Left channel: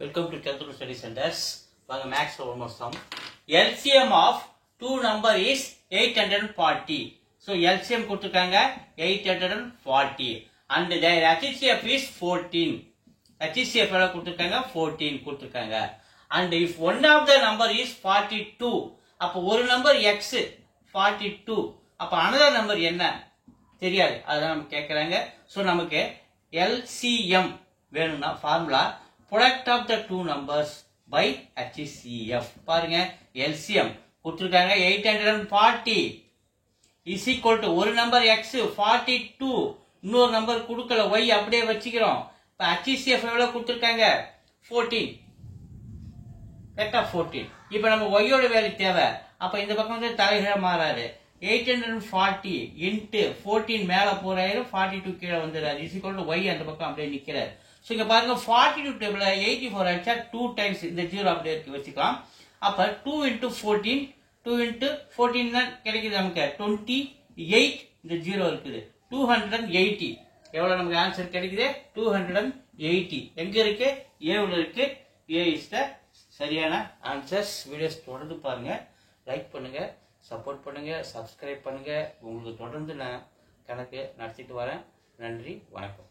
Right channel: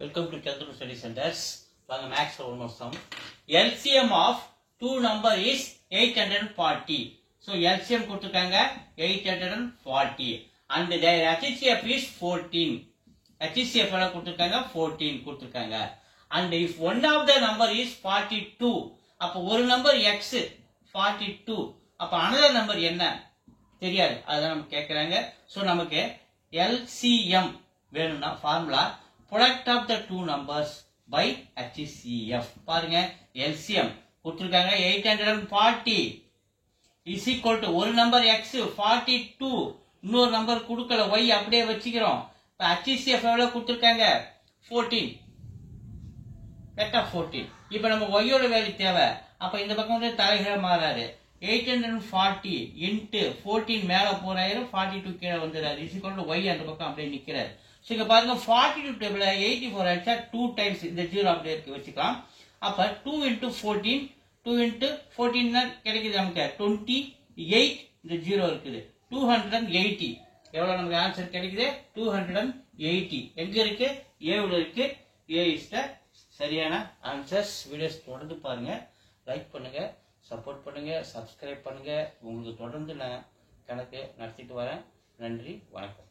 Welcome to Chandru Study Centers. வாங்க maths ஒரு some. LCM of two number is 840. So LCM கொடுத்திருக்காங்க 840 and their HCF is 14. HCF எல்லாம் கொடுத்திருக்காங்க 14 கொடுத்திருக்காங்க. And if one of the number is 42, அப்ப ஒரு number x 42, அப்ப another number என்ன தெரியாது, அதான் நம்ம கேக்குறாங்க. So நமக்கு LCM வேணும்னா formula product of the two numbers by HCF. பாருங்க LCM கொடுத்திருக்காங்க 840 is equal to ஒரு நம்பர் x 42, இன்னொரு நம்பர் கொடுக்கல y அப்படியே வச்சுக்கிறோம். இப்ப HCF எவ்வளவு கொடுத்திருக்காங்க 14, கரெக்ட்டா 14. இப்போ நம்ம y ஓட வேல்யூ தேவை. அப்ப இந்த பக்கம் வந்து தலைகீழா மாறாரு. 840 into 14 மேல போறாரு, 42 கீழ வந்துறாரு. is equal to y அந்த பக்கம் அப்படியே நிக்கிறாரு. சோ இங்க பாருங்க 42 டேபிள்ல 84 அடிச்சா 2 டைம்ஸ் இந்த 0 அப்படியே இருக்கு வச்சுக்கலாம். அப்ப 2 into 14, 2 into 14 தான் கிடைக்குது நமக்கு 28, இந்த 0 இருக்குது 280. எவ்வளவு நமக்கு ஆன்சர் கிடைக்குது 280. எங்க இருக்கு A உள்ள இருக்கு. A is the சரியான ஆன்சர்ஸ். வீடியோஸ் தொடர்ந்து பாருங்க, லைக் பண்ணுங்க, சப்போர்ட் பண்ணுங்க, சப்ஸ்கிரைப் பண்ணுங்க. உங்களுக்கு தொடர்ந்து நான் கணக்கு நடத்திட்டு வரேன். நன்றி, வணக்கம்.